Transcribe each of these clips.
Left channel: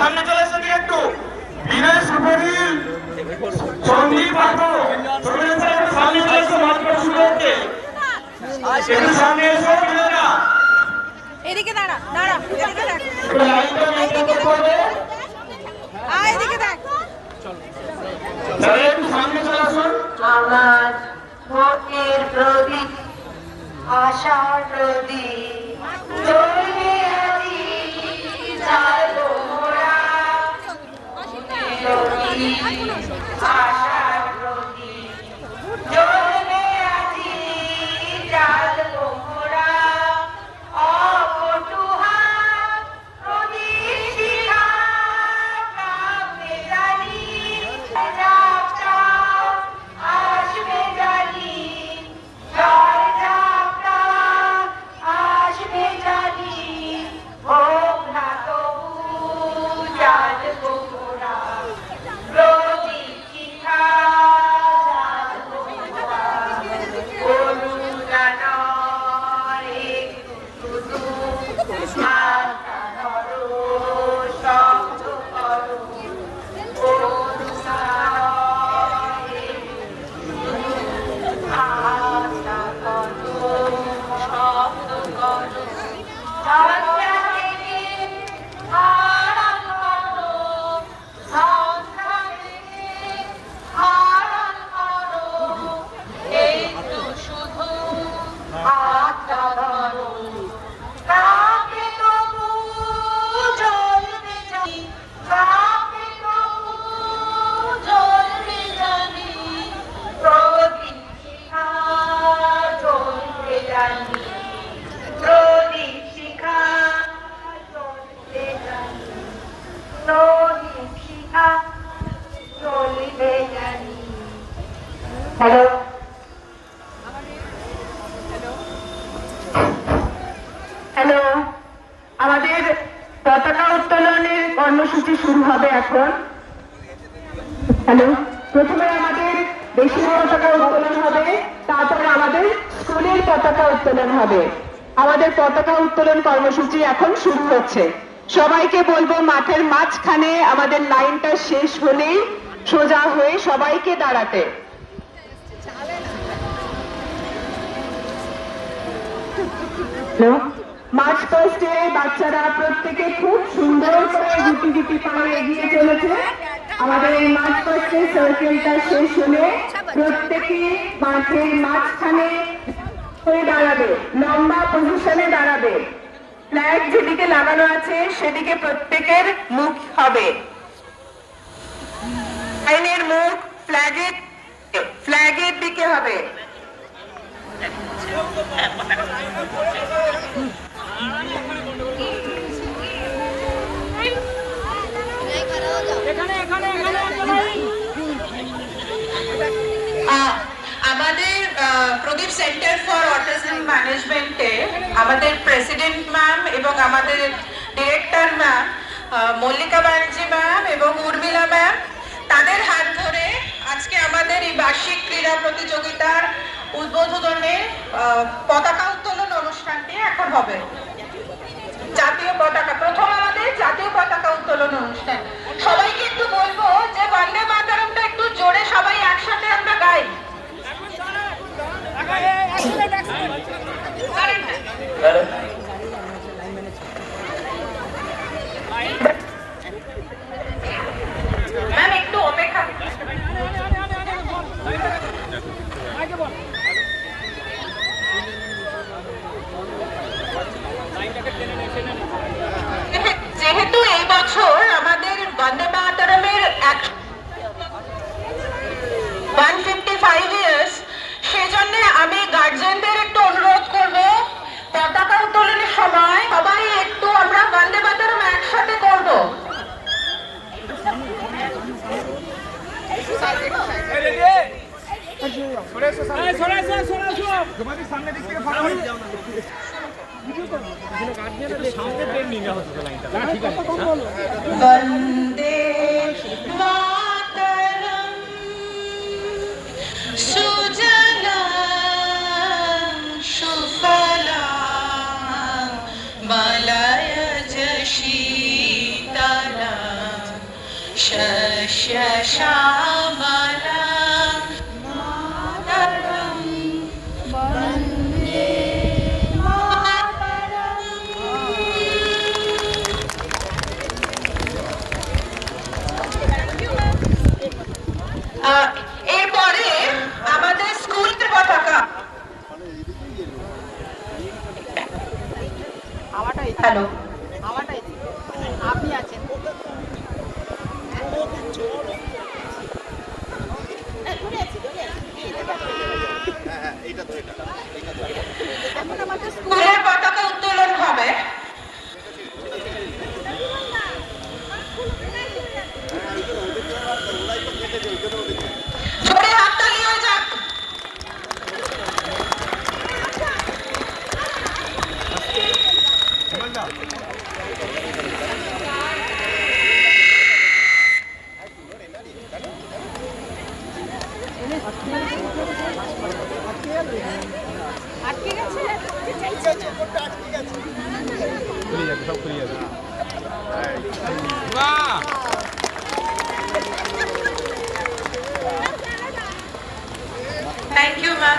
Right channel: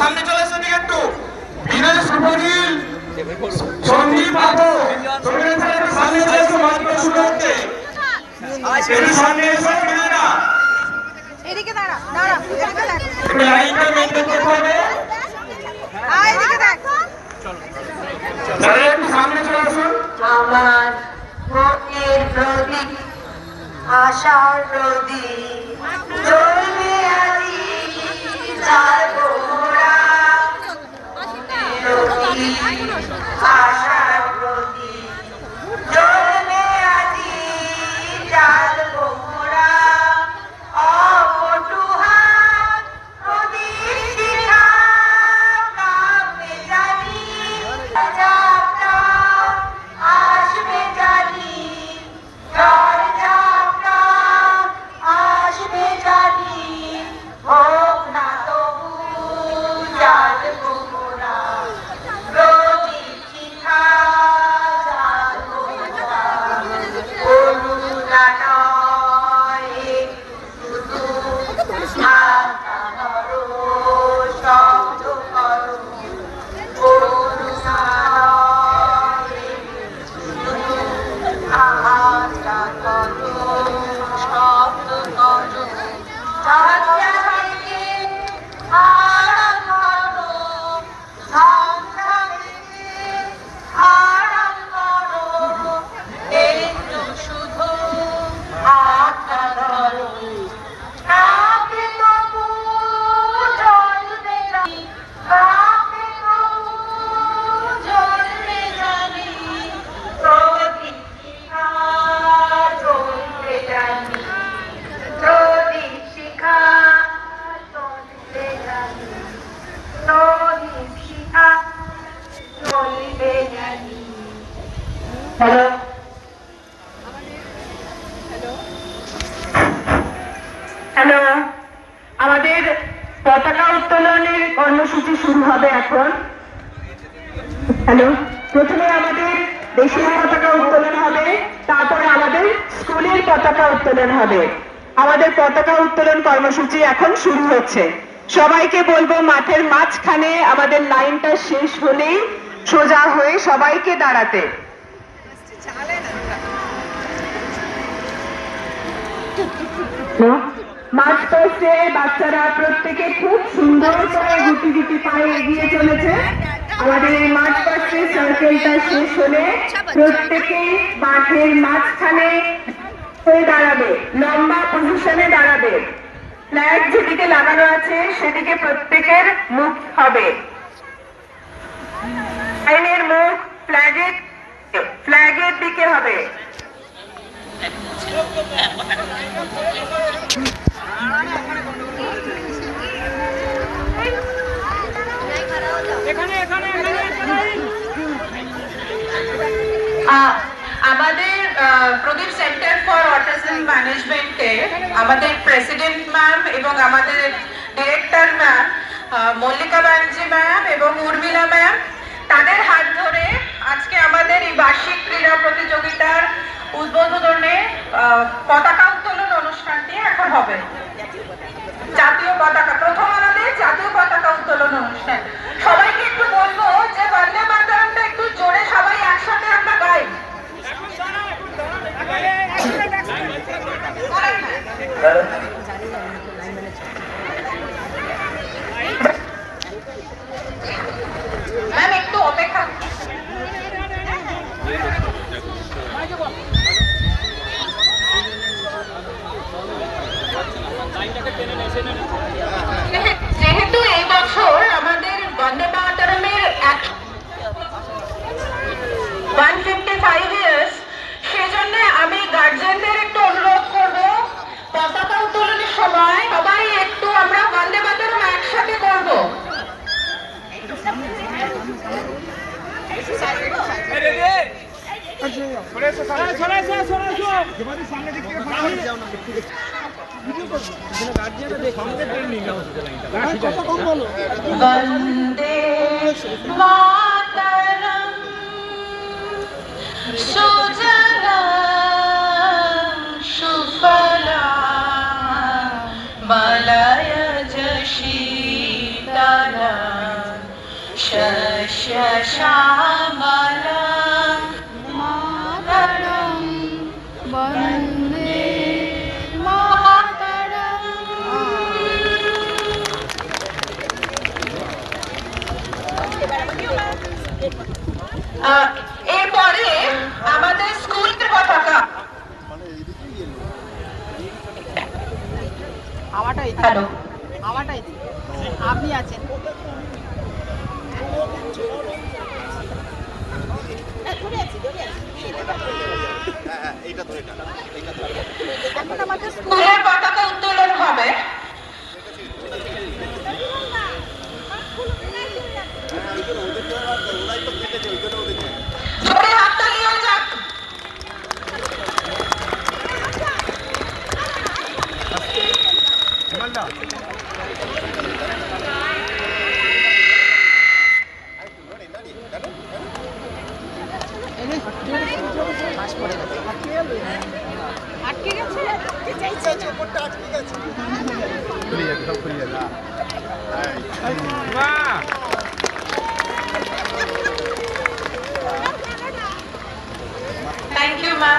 সামনে চলে এসে একটু বিনয় সুপরিল সন্দীপ বাবু সামনে চলে এসে মাত্র শুরু হচ্ছে সামনে এসে এদিকে দাঁড়া দাঁড়া এদিকে দেখ লাইনটা মেনটেন করতে হবে এদিকে দেখ চলো একটু সামনে চলে আসুন আমার মনের প্রদীপ আশার প্রদীপ জ্বলবে আজি জাগো মোরা আশার প্রদীপ জ্বলবে আজি জাগো মোরা অপটুহার প্রদীপ শিখা কামে জানি যাত্রা আসবে জানি ঝড় ঝাপটা আসবে জানি হোক না তবু জাগবো মোরা প্রদীপ শিখা জাগবো মোরা করুণা নয় শুধু মাথা ধরো শব্দ করো করুণা আশা করো শব্দ করো ঝঞ্ঝা থেকে আড়াল করো ঝঞ্ঝা থেকে আড়াল করো একটু শুধু হাতটা ধরো কাকে তবু জ্বলবে জানি কাকে তবু জ্বলবে জানি প্রদীপ শিখা জ্বলবে জানি প্রদীপ শিখা জ্বলবে জানি প্রদীপ শিখা জ্বলবে জানি হ্যালো হ্যালো আমাদের পতাকা উত্তোলনের কর্মসূচি শুরু হবে এখন হ্যালো প্রথমে আমাদের দেশীয় পতাকা উত্তোলন হবে তারপরে আমাদের স্কুলের পতাকা উত্তোলন হবে আমাদের পতাকা উত্তোলন কর্মসূচি এখন শুরু হচ্ছে সবাইকে বলবো মাঠের মাঝখানে আমাদের লাইনটা শেষ হলেই সোজা হয়ে সবাইকে দাঁড়াতে মার্চ পাস্টে বাচ্চারা প্রত্যেকে খুব সুন্দর করে গুটি গুটি পায়ে এগিয়ে চলেছে আমাদের এই মার্চ পাস্টের সার্কেলটা শেষ হলে প্রত্যেকে মাঠের মাঝখানে হয়ে দাঁড়াবে লম্বা পজিশনে দাঁড়াবে ফ্ল্যাগ যেদিকে লাগানো আছে সেদিকে প্রত্যেকের মুখ হবে লাইনের মুখ ফ্ল্যাগের দিকে হবে আমাদের প্রদীপ সেন্টার ফর অটিজম ম্যানেজমেন্টে আমাদের প্রেসিডেন্ট ম্যাম এবং আমাদের director ma'am Mallika Banerjee ma'am এবং উর্মিলা ম্যাম তাদের হাত ধরে আজকে আমাদের এই বার্ষিক ক্রীড়া প্রতিযোগিতার উদ্বোধনে পতাকা উত্তোলন অনুষ্ঠানটি এখন হবে জাতীয় পতাকা প্রথম আমাদের জাতীয় পতাকা উত্তোলন অনুষ্ঠান সবাইকে একটু বলবো যে বন্দে মাতরমটা একটু জোরে সবাই একসাথে আমরা গাই ম্যাম একটু অপেক্ষা যেহেতু এই বছর আমাদের বন্দে মাতরমের 155 ইয়ার্স সেজন্য আমি বন্দে মাতরম সুজলা সুফলা মলয়জ শীতলা শস্য শ্যামলা মাতরম বন্দে মাতরম। এরপরে আমাদের স্কুলের পতাকা। হ্যালো, আপনি আছেন স্কুলের পতাকা উত্তোলন হবে। জোরে হাততালি হয়ে যাক। থ্যাংক ইউ মা।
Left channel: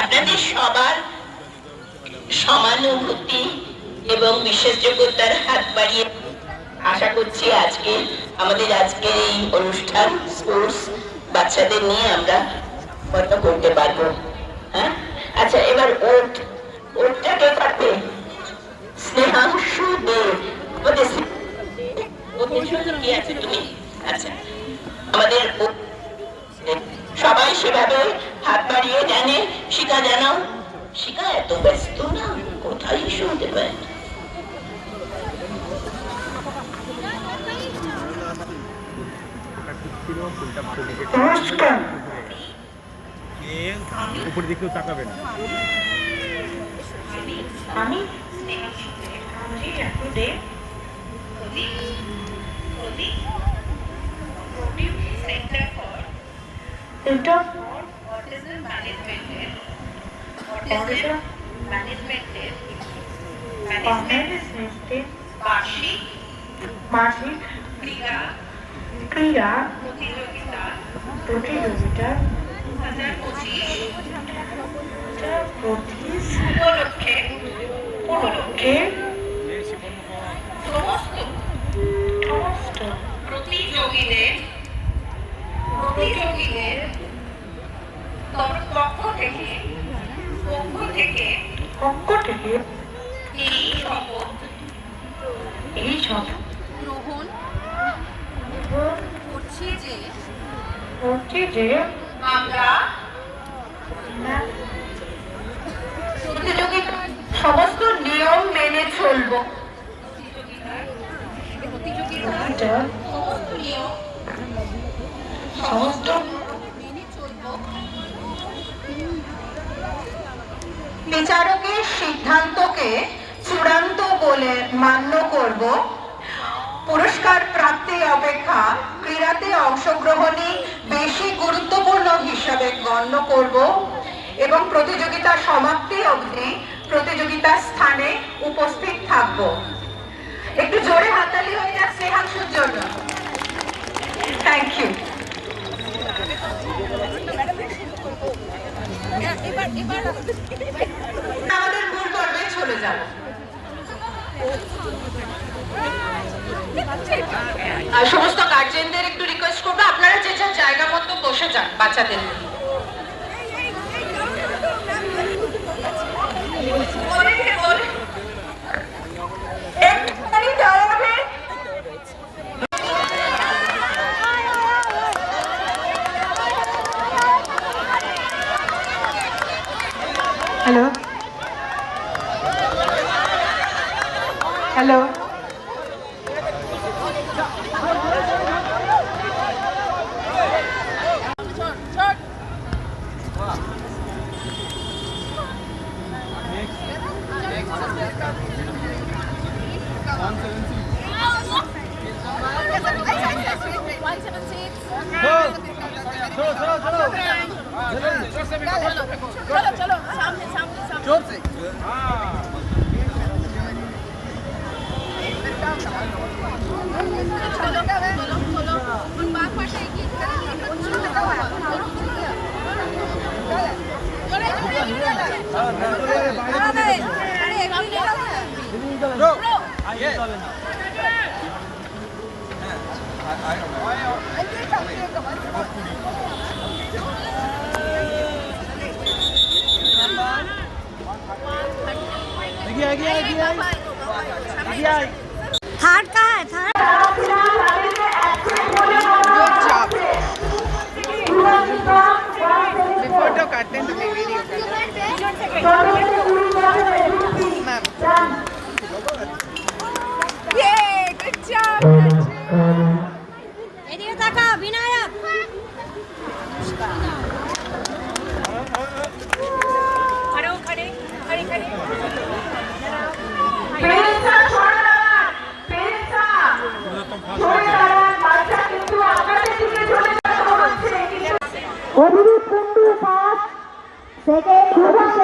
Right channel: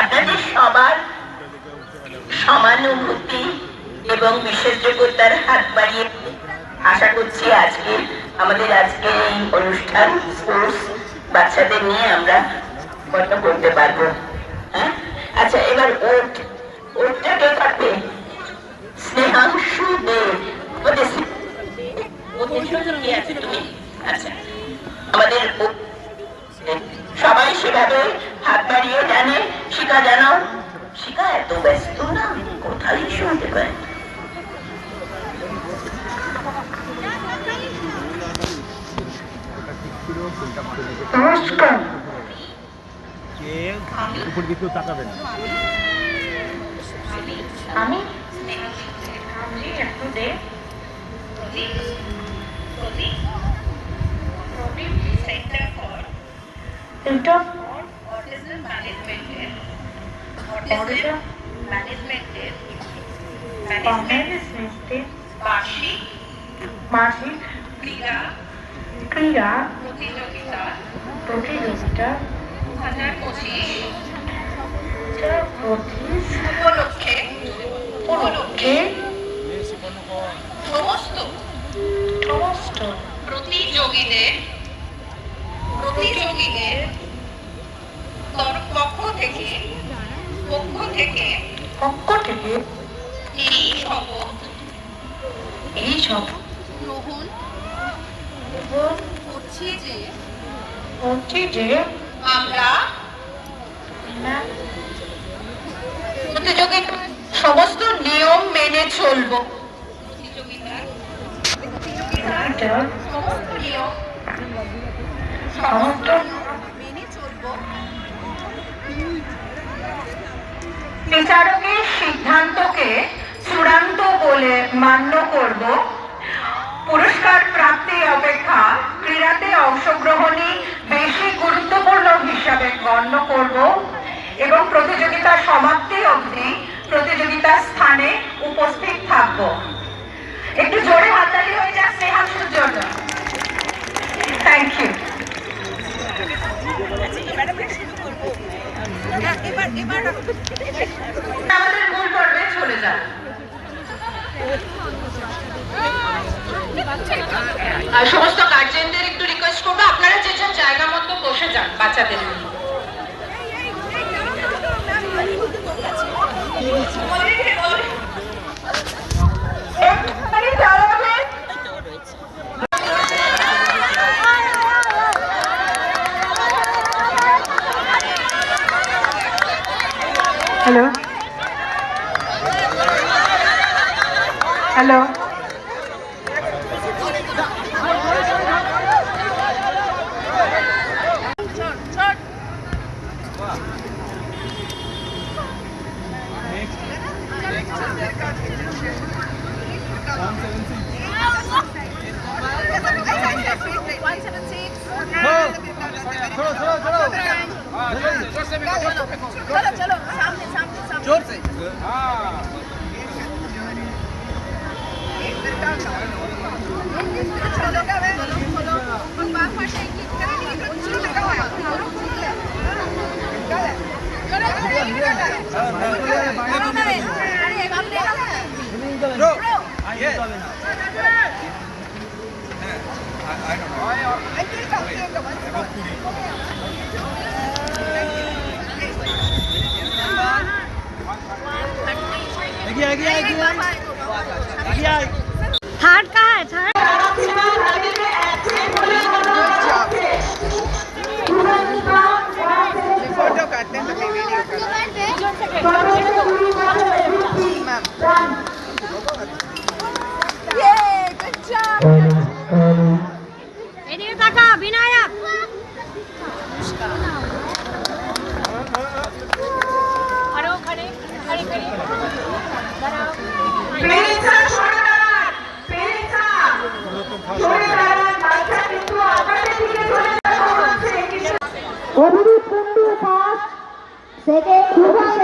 আপনাদের সবার সমানুভূতি এবং বিশেষজ্ঞতার হাত বাড়িয়ে আশা করছি আজকে আমাদের আজকের এই অনুষ্ঠান স্পোর্টস বাচ্চাদের নিয়ে আমরা গল্প করতে পারবো। হ্যাঁ, আচ্ছা, এবার ওটটা কে কাটবে? স্নেহাংশু দেব। কি আছে তুমি? আচ্ছা, আমাদের সবাই সেভাবে হাত বাড়িয়ে জানে। শিখা জানাও। শিখা এত ব্যস্ত না, কোথায় শুনতে পায়। নমস্কার। উপর দিকেও তাকাবেন। আমি এটা অটিজম ম্যানেজমেন্টের মাসিক ক্রীড়া প্রতিযোগিতা 2025 উপলক্ষে সমস্ত প্রতিযোগীদের পক্ষ থেকে এই শপথ গ্রহণ করছি যে আমরা প্রতিযোগিতার সমস্ত নিয়ম মেনে চলবো। সমস্ত মেনে চলবো। বিচারকের সিদ্ধান্তকে চূড়ান্ত বলে মান্য করব। পুরস্কার প্রাপ্তি অপেক্ষা ক্রীড়াতে অংশগ্রহণই বেশি গুরুত্বপূর্ণ হিসাবে গণ্য করব এবং প্রতিযোগিতার সমাপ্তি অবধি প্রতিযোগিতার স্থানে উপস্থিত থাকব। একটু জোরে হাততালি হয়ে যাক স্নেহাংশুর জন্য। Thank you. আমাদের মূল পর্বে চলে যাব। সমস্ত গার্জেনদের একটু রিকোয়েস্ট করবো, আপনারা যে যার জায়গা মতো বসে যান বাচ্চাদের নিয়ে। হ্যালো হ্যালো चलो सामने सामने सामने जोर से थर्ड कहाँ है थर्ड फोटो करते हैं तो वीडियो এদিকে তাকা বিনায়ক खड़ो खड़े खड़े खड़े পেরেছা সরে দাঁড়ান পেরেছা সরে দাঁড়ান বাচ্চা কিন্তু আপনাদের দিকে চলে যাচ্ছে অভিজিৎ কুন্ডু 5 সেকেন্ড